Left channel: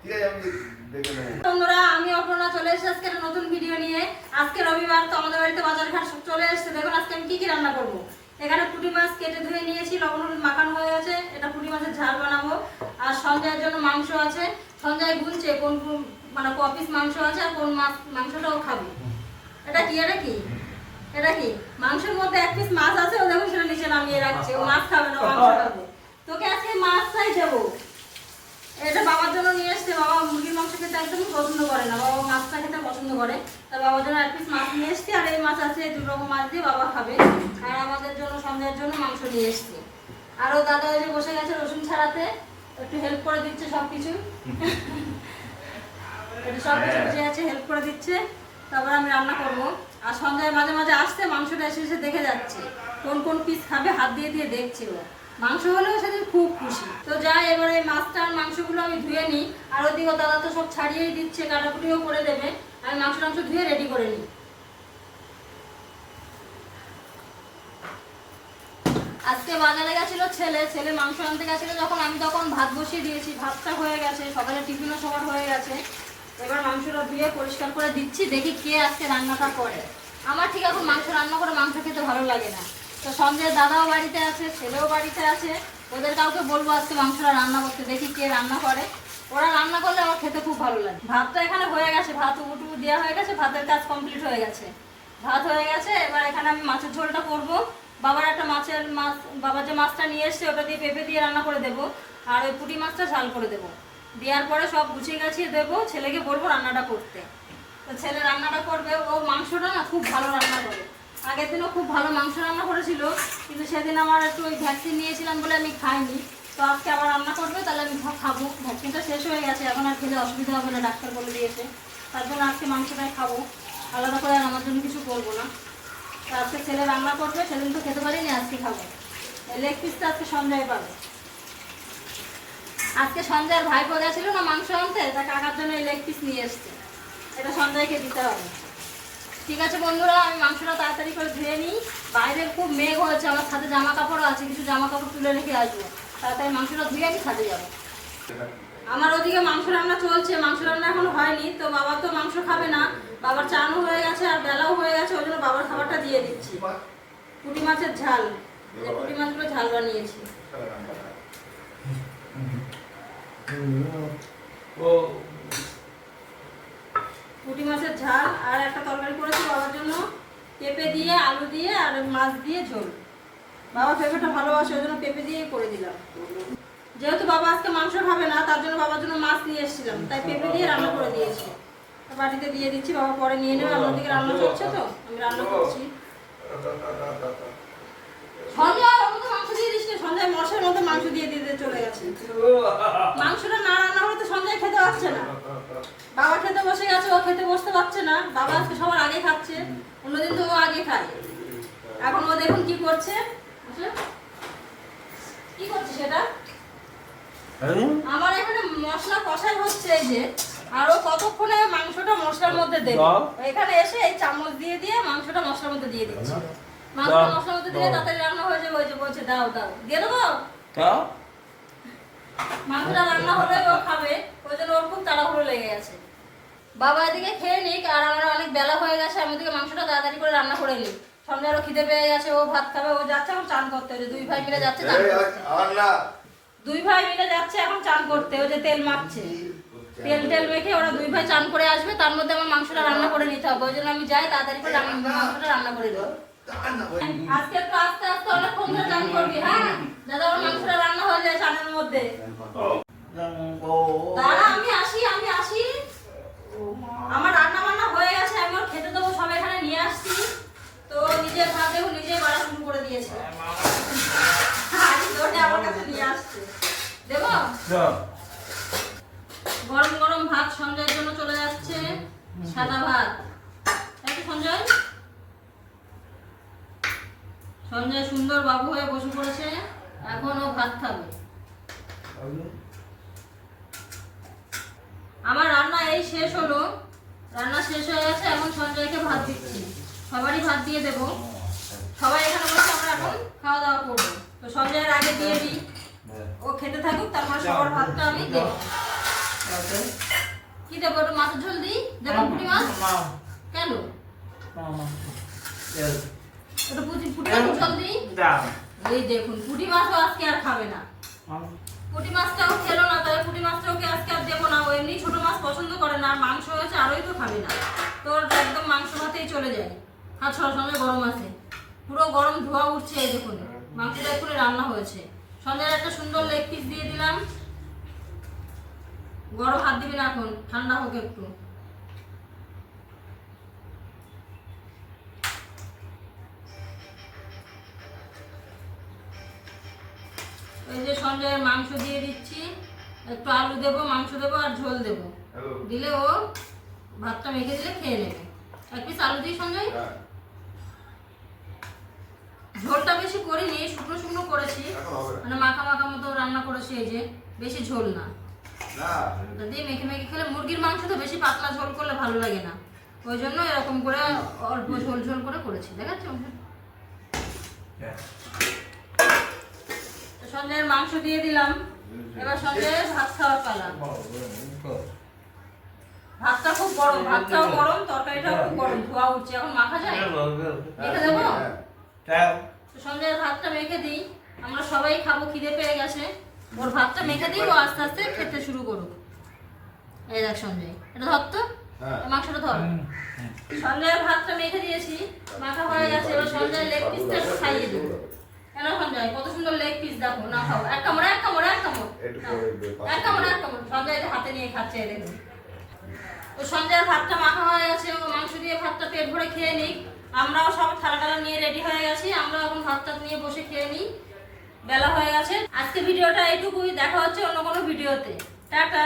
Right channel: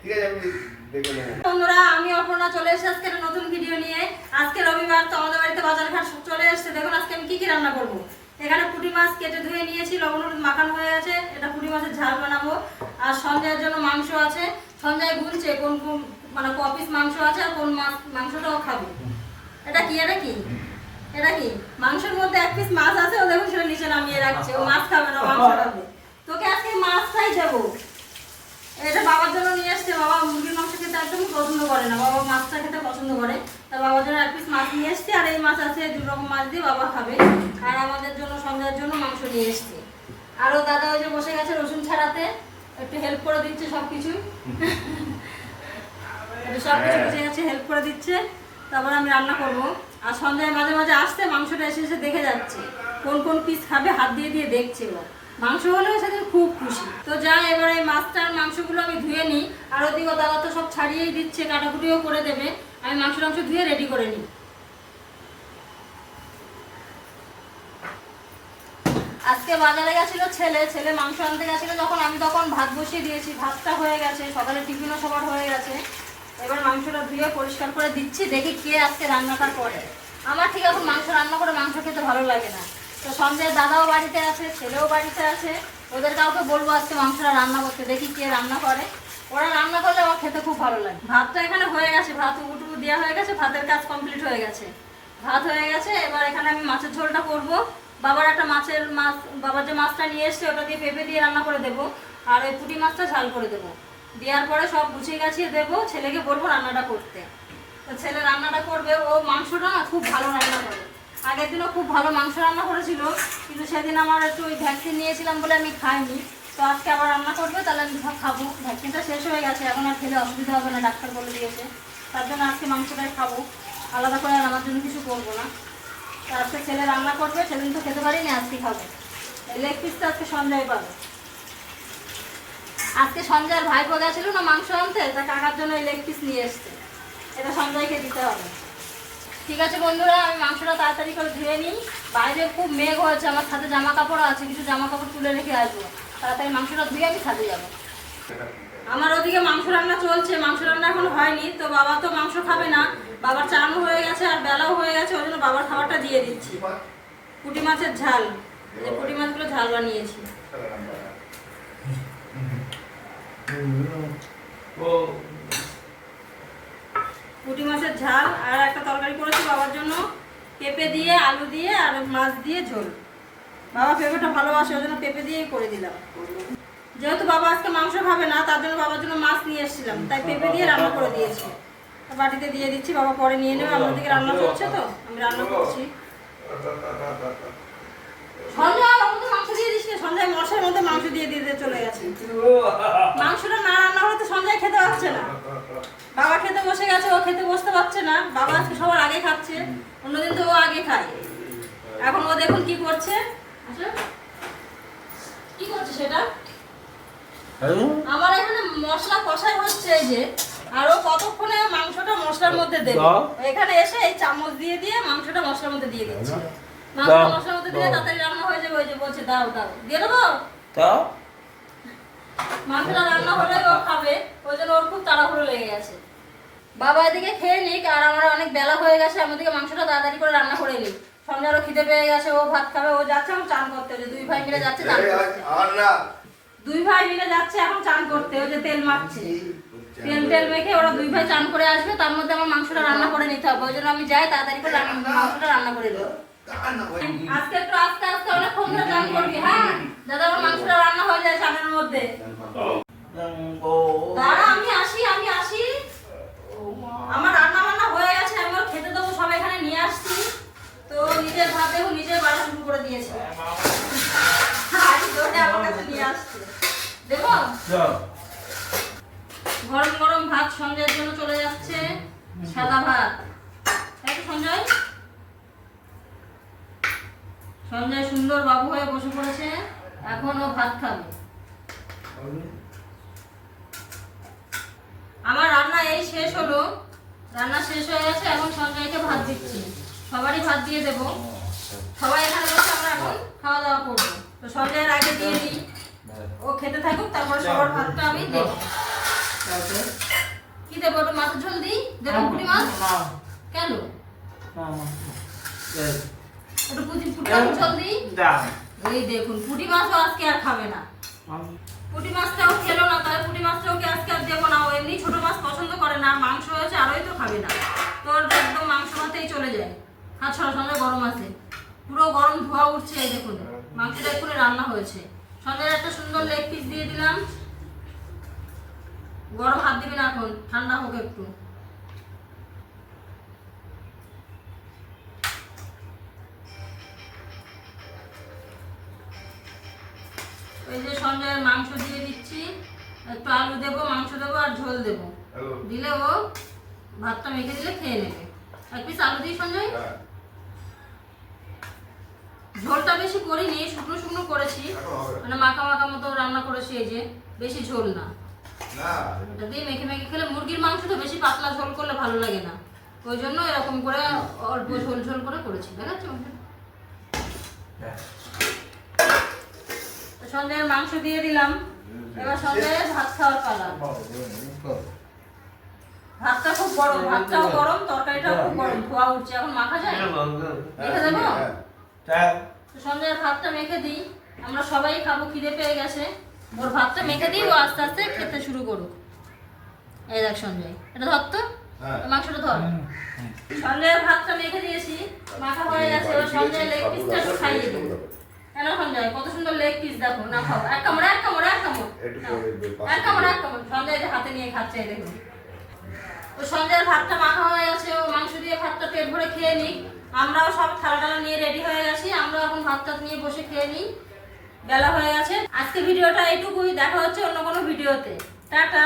ঠিক আছে আমি দেখে নেব। বন্ধুরা আমি অপর্ণা চলে এসেছি আজকে একটা নতুন ভিডিও নিয়ে। আজকে রবিবার তো আমাদের বাড়িতে বাজার ঘাট সব চলে এসেছে। দেখুন আজকে আমি কি রান্না করব। এখানে পুঁটি মাছ কেটে ধুয়ে নিয়েছি, লবণ হলুদ মাখানো হয়ে আছে। এটা পুঁটি মাছের ঝাল বানাবো। আর সঞ্জয়ের জন্য মাংস আছে। সঞ্জয় গুনছে কোন কোন মানে ক পিস মাংস আছে আর কোন মাংসটাও খাবে। এটা কি এটা কি এটা কি মাংসের মধ্যে এক পিস মাছ আছে, ও দেখুন সেটা নিচে নামিয়ে রাখছে। ও মাছ খাবে না, মাংস খাবে। তোকে আজকে মাছটাই দেবো। এটা বাবার জন্য নিয়ে এসছে। বাবা মুরগির মাংস খেতে একদমই পছন্দ করে না, বাবা মাছটা খেতে পছন্দ করে। তার বাবার জন্য এক পিস মাছ নিয়ে এসছি। আর এই মাছ আছে 2 রকম মাছ দিয়ে বাবা খাবে। আর আমাদের জন্য সন্ধ্যার জন্য মাংস নিয়ে এসছি। আরও দাদা ওই যে বসে গেছে রসুন ছাড়াতে, একটু হেল্প করে দিচ্ছে সব কিছুই। এটা সব কিছু বসে আছে, হেল্প করে দিচ্ছে। তারপরে আমি রান্না করব। আর সন্ধ্যায় মাঝে মাঝে আসতে মাংসটা এসে এসে দেখে যাচ্ছে কোন কোন পিস খাবে, হাত দিয়ে দিয়ে দেখছে। ও মাংস হলেও সেদিন খুব খুশি। তো যাই এবার এই মাছটার মাংসগুলো আমি ধুয়ে নিই। আর ওদিকে দাদা তো সব ছাড়িয়েই দিচ্ছে, কাটাকুটিও করে দেবে। আমি মাংস ধুয়ে রেডি করে নিই। আজকে বাজারে গেছিল ছেলে মাংস আনতে গেছিল যখন, আমি তখন ভাত বসিয়ে দিয়েছি। ভাতটা হয়ে গেছে, সকালে টিফিনও সবার হয়ে গেছে। এবার মাংসটা ধুয়ে পরিষ্কার করে দিচ্ছি, দেখি কে আজকে রান্নাটা করে। আমার ঠিক এখন মাংস রান্না করে মাংস খেতে ভালো লাগে না। তো সঞ্জয়ের দাদাও বাড়িতে আছে, ছেলেও বাড়িতে আছে। ওদের কাউকে বলবো আজকে মাংসটা রান্না করতে, দেখি কে রান্না করে। ওরা রান্না করলে আমার খেতে খুব ভালো লাগে। ভাতটা এখানে হয়ে গেছে, ভাত উবুটুবু দেওয়া হয়ে গেছে, ভাতের কাজ কমপ্লিট হয়ে গেছে। ভাত হয়ে গেছে। এবার এখানে আমি মাছের ঝোলটা করব। বাবার বাবার যে মাছটা নিয়ে এসছে ওটা দিয়ে পেঁপে দিয়ে রান্না করে দেবো। আর ওই পুঁটি মাছটা ঝাল করে দেবো। দেওয়ার পরে সব গুছিয়ে গাছিয়ে দেবো, ছেলেকে বলবো রান্নাটা করতে। তো ছেলে রান্নাটা করবে। ও মাংসটা না খুব ভালো রান্না করে। আগের দিনও খুব ভালো মাংস রান্না করেছিল, কিন্তু সেদিন আমার একটু ওই ভ্যাকসিন নিয়েছিলাম বলে আমি খাইনি। তো আজকে আবার রান্না করবে, তাহলে আমি খাবো। ভ্যাকসিনটা শেষ হয়ে গেছে, এখন আর খেলে অসুবিধা হবে না, ডাক্তার বলে দিয়েছে। তার জন্য আজকে মাংসটাই খাবো, আলাদা করে আর আমার জন্য কিছু করবো না। তো আজকে ছেলে রান্না করবে, সেদিন তো খেতে পারিনি, আজকে খাবো। লেগ পিসটা আজকে সঞ্জয় পাবে। আজকে সঞ্জয়ের ভাইপো গেছিল না মাংস আনতে, তা কাকার জন্য এই লেগ পিস নিয়ে এসছে। এটা সঞ্জয়কে দিতে হবে। ঠিক আছে বন্ধুরা, আমি মাংসটা তাড়াতাড়ি করে ধুয়ে নিই। বাইরে খুব মেঘ হয়েছে, আমার সাথে জামা কাপড় আছে, কিছু জামা কাপড় তুলে রেখে আসবো। তাড়াতাড়ি মাংসটা ধুয়ে আমি ছাদে যাবো। আমার ওদিকে মাংস রান্না চলছে, মাংস রান্না এখন হয়নি। তো বাবা তো মাংস খাবে না, বাবার চানও হয়ে গেছে আর বেলাও হয়ে গেছে। ওই জন্য বাবার খাবারটা দিয়ে দিচ্ছি। পুঁটি মাছের ঝাল, এই পুঁটি মাছগুলো ঝাল বানিয়েছি। পুঁটি মাছের ঝাল আর একটা তরকারি করেছি বাবার জন্য, পেঁপে দিয়ে আলু দিয়ে আর মাছ দিয়ে ঝোল। বাবা পেঁপেটা ভালোবাসে, ওই জন্য পেঁপে দিয়েই করে দিলাম। যেহেতু বাবা আজকে মাংস খাবে না, তার জন্য বাবার জন্য মাছ নিয়ে এসেছিলাম, তাই পেঁপে দিয়ে রান্না করে দিয়েছি। বাটিতে দিয়ে দিচ্ছি, বাবা পরে নিয়ে নেবে। আমার দিকে রান্না চলছে তো আমি রান্না করছি। সন্ধ্যা মাংস দিয়ে দিস না, সন্ধ্যায় মশার মধ্যে মাংস দিয়ে দিয়ে চলে গেছে। মাংসটা না রান্না হলে তো সন্ধ্যায় খেতে পারছে না। বাবা খেতে বসে গেছে, ও খেতে বসতে পারছে না। বাবা আজকে সবার আগে খাচ্ছে, অন্যদিন তো ও আগে খায়। এখন ও দেখুন কি করছে। কি করছে সেটা? আমার এখানে মশলা কষাই হচ্ছে এই যে, আরো কতক্ষণে মাংসটা মশলার মধ্যে দেব। এখানে এসে এই চামচ দিয়ে দিয়ে মাংসটা মশলার মধ্যে দিয়ে দিচ্ছি। মাংসটা মশলার মধ্যে দিলে তাড়াতাড়ি রান্না হয়ে যাবে। ওই যে বলছে দাও দাও, দিয়ে দেবো। মাংসটা রান্না হলে ও খাবে, ওই জন্য ওর খুব তাড়াহুড়ো লেগে গেছে। বাবা এদিকে খেয়ে নিক, আর আমার অনেক বেলা হয়ে গেছে। আমি ওদিকে মাংসটা তাড়াতাড়ি করে রান্না করে নিই। সন্ধ্যা আরো খিদে পেয়ে গেছে, ও ভাত খাবে। ও যাচ্ছে এখন চান করতে, ওই যে 2 ভাই মিলে যাচ্ছে চান করতে। 2 ভাই মিলে যাচ্ছে এখন চান করতে, ওই যে তেল মাখছে। তেল মেখে ওরা 2 ভাই চান করে আসবে, তার মধ্যে আমার মাংসটা রান্না করে নিতে হবে। ওই জন্য আমি যাই তাড়াতাড়ি করে মাংসটা রান্না করে দিই। আজকে একটু আস্তে আস্তে অনেকক্ষণ ধরে চান করবি, হ্যাঁ দাদা। আমার মাংসটা রান্না হয়ে যায় চানের মধ্যে। দাঁড়া আমি আসি। আমার রান্না বান্না হয়ে গেছে, আমি ওর খেতে দেবো। সব এখানে নিয়ে আসছি। তো নিজের ভাত দেখো নিজের বাড়া শুরু করে দিয়েছে। আমার কাছে নিয়ে আসছে, দেবো। গরম গরম ভাত সঞ্জয়ের জন্য চলে যাচ্ছে, সাদা ভাত। তাই তো সঞ্জয়? সঞ্জয় সুন্দর বাবু হয়ে বসে পড়েছে, এখন ও ভাত খাবে। আমার রান্না এই শেষ হলো, রান্না শেষ হয়ে গেছে। এখন সঞ্জয়কে ভাত দিচ্ছি, সবারই ভাত দিয়ে দেবো। সবাই এখানে বসে আমরা এখন খাওয়া দাওয়া করবো। তো সঞ্জয়ের আগে দিয়ে দিই, ও খেতে থাকুক, তারপর সবার ভাতটা আমি দেবো। তারপর কি দেবো? ওটা মাছের ঝোল দিই? দেবো পুঁটি মাছ? কেন? ওটা পুঁটি মাছের ঝোল দিই? এই দেখুন, পুঁটি মাছও আজকে আর খাবে না। পুঁটি মাছটাও খেলো না, তাহলে পুঁটি মাছটাও আজকে আর দেবো না। ও এমনি ছোট মাছ পছন্দ করে না, আর মাংস হয়েছে আরোই তো খাবে না। তোর একদম মাংস ভাতেই চলে যায়। হাত সঙ্গে গরম আছে, পুরো গরম ধোয়া উঠছে। এই দেখুন, মাংসটা এক্ষুনি রান্না হয়েছে। সন্ধ্যার একটা সুন্দর লেগ পিস দিয়ে দিলাম। গরম হাত দিবি না এখন, ঠান্ডা হোক একটু। এই যে সঞ্জয়ের মাংস দিয়ে দিচ্ছি, একটু আলু দেবো, মাংস দেবো আর ঝোল দেবো। দিলে ও ভাতটা মেখে দিলে খেয়ে নেবে। এক পিস আলু দিই সঞ্জয়। ঝোলটা বেশি করিনি, শুকনো শুকনো করেছি, মানে মাখা মাখা মতো রান্না করেছি। এই যে বেশি ঝোল না, ওটা দিয়ে মেখে মেখে খেলে। মুরগির মাংস তো বেশি পাতলা ঝোল করলে ভালো লাগে না, ওই জন্য এরকম করে অল্প ঝোল ঝোল করে করেছি। দেখাচ্ছি সঞ্জয়ের মাংস দিয়ে দিলাম। এবার সঞ্জয়ের ভাত খাওয়ার পালা। ভাতটা খুব গরম, ভাতটাও গরম, তরকারিটাও খুব গরম, ধোয়া উঠছে। এখন মাখা যায়? মেখে দেবো? সঞ্জয়ের ভাতটা মেখে দিই, আমরা সবাই খাবো, খিদে পেয়ে গেছে। ওর ভাতটা মেখে দিই, ও আস্তে আস্তে খেতে শুরু করুক। এই দেখ সঞ্জয়, এটা ধর তো, মাংসটা ধর। সঞ্জয়ের ভাতটা মেখে দিয়েছি, মাখা হয়ে গেছে। এবার সঞ্জয়ের লেগ পিসটা একটু খাইয়ে দিই। কেন সঞ্জয়, কত সুন্দর লেগ পিস দেখো। না খাও, এক কামড় এক কামড় এক কামড় এক কামড় এক কামড়। সঞ্জয় হাতে নিয়ে খাচ্ছে, দেখুন। তো সঞ্জয়ের ভাতটা মাখা হয়ে গেছে, ও মাংস দিয়ে ভাতটা পেট ভরে খেয়ে নিক। আমরাও সব থালা টালা নিয়ে রেডি হয়ে গেছি, আমরা এখন ভাতটা নিয়ে বসে খেয়ে নিই। বেলা হয়ে গেছে। আজকে ভিডিওটা এইটুকুই, দেখা হচ্ছে অন্য কোনো ভিডিওতে। টাটা।